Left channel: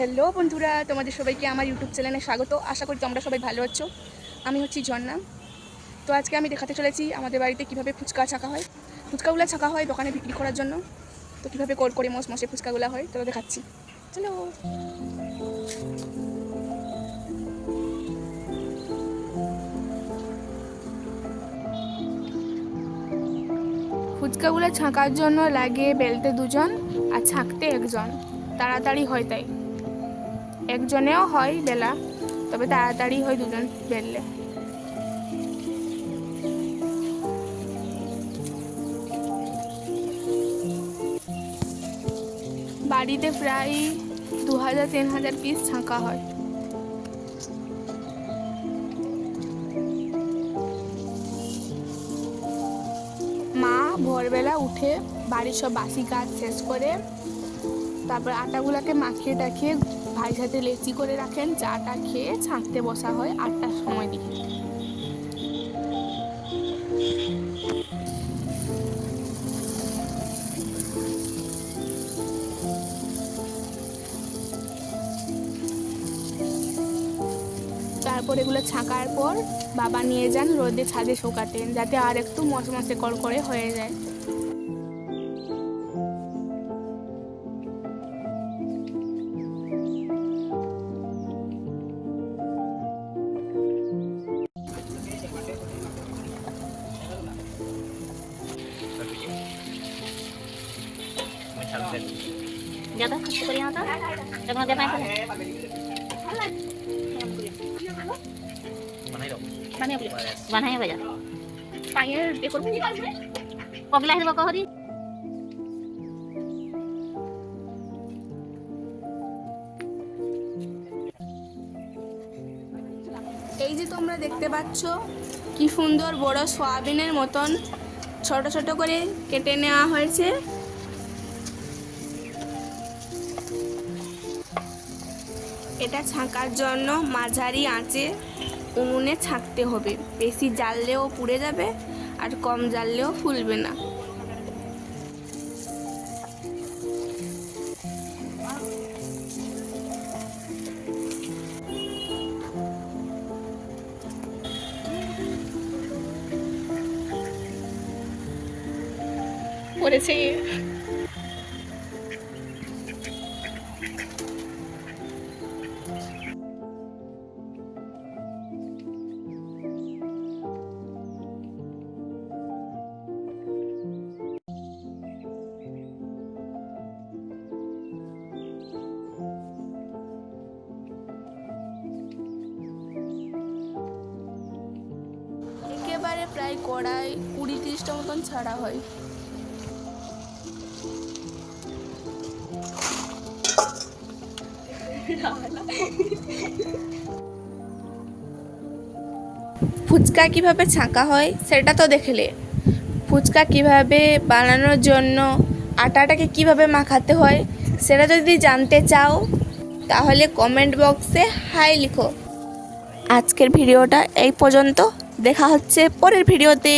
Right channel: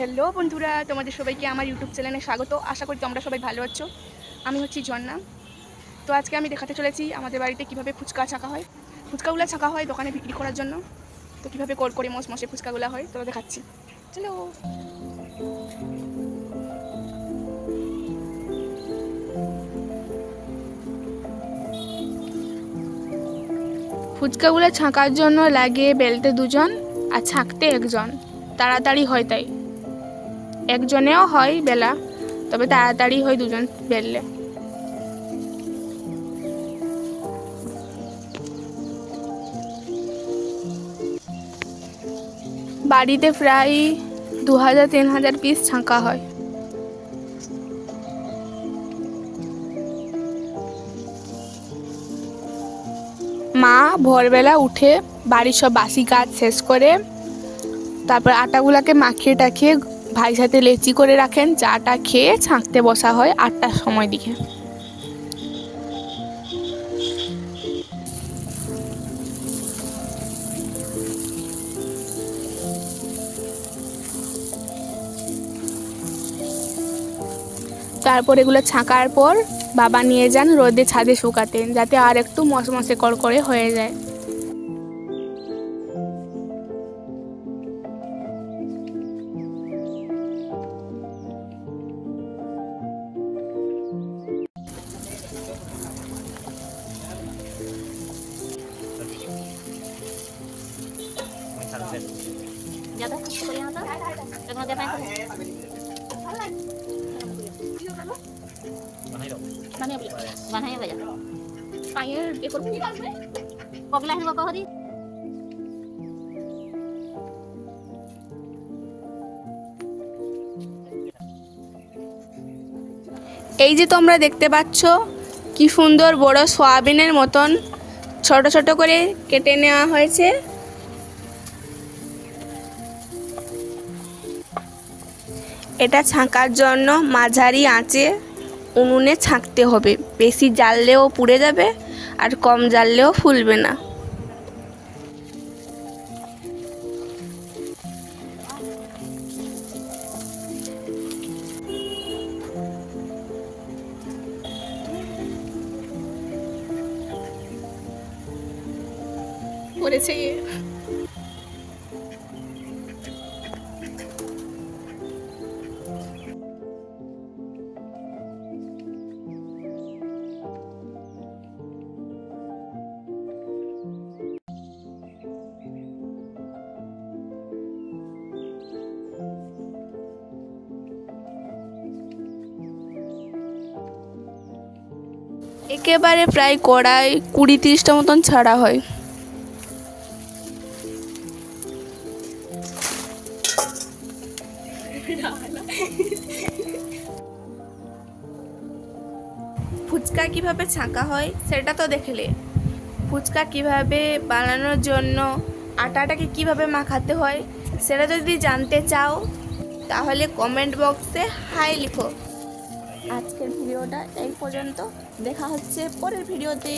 Hello বন্ধুরা, তোমাদের সবাইকে আমার ইউটিউব চ্যানেলে স্বাগত। আশা করি তোমরা সবাই ভালো আছো। আমি হচ্ছি ঝর্ণা। তো আজকে আমি দেখাতে চলেছি আমাদের বাড়িতে কিভাবে ফুচকা ছাকা হয়। ফুচকাগুলো ছাকা হয় দোকানে বিক্রি করার জন্য। তো কীভাবে কল করে মশে ফুচকাগুলো হয় তো দেখাচ্ছি, চলো। ফুচকাগুলো ছাঁকার জন্য লাগে বেলতে দুজন আর ছাঁকতে একজন। তাড়াতাড়ি হয় তাই, একজনেও হয় বেলা, তবে তাড়াতাড়ি হয় দুজন বেললে। বাড়িতে প্রায় 2000-3000 পিস ছাঁকা হয়। মা ভোরবেলা উঠে বাড়ির সব বাসি কাজ শেষ করে তারপর আটাগুলাকে মাখিয়ে টাখিয়ে ভাই সাথে লেচি করে রাখেন। চাটা খেয়ে ছাঁকতে বসা হয় 8টার সময় দিকে। তারপর এগুলো ছাঁকার পর বাবা নিয়ে যান রোদে ছাদে শুকাতে, যাতে আর একটু মশমশে কড়কড়ে হয়ে যায়। ज़्यादा खर्च करिए ना तो जब देना है बनाए बजा পায়ের এ করবো पगला है बाबा हरी এই যে তোমরা দেখতে পাচ্ছ কি সুন্দর বড় সয়াবিনের মতন ছোট ছোট করে কেটে নেওয়া হয়েছে। এটা ছাঁকার জন্য মাঝারি আঁচে উনুনে ছাঁকতে হবে। বেশি জ্বাললেও পুড়ে যাবে আর কম জ্বাললেও ফুলবে না। পড়েছে একেবারে প্রায় কড়াই 20-30টা মতন ছাড়া হয়। ফুচকা কিভাবে ছাঁকা হয় সেটা তো দেখলে। ফুচকা কিভাবে বানানোর জন্য আটাটাকে কিভাবে মাখাতে হয় সেটা যদি জানতে চাও তাহলে কমেন্ট বক্সে হাই লিখো। আজকের ভিডিওটা এই পর্যন্ত, দেখা হচ্ছে পরের ভিডিওতে।